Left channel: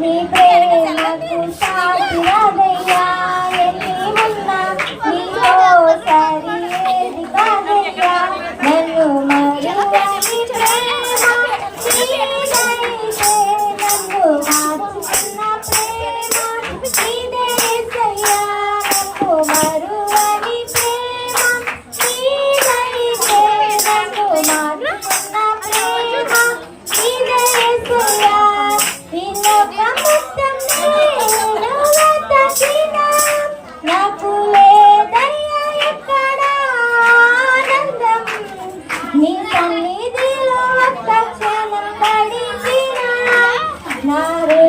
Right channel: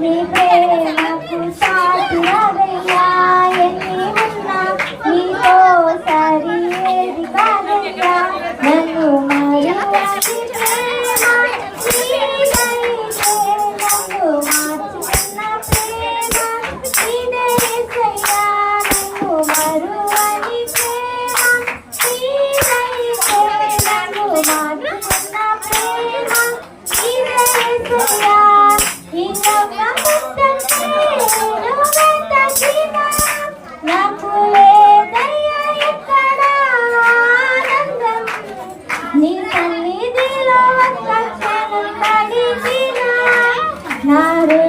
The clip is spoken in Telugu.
నీ పేరు not Hare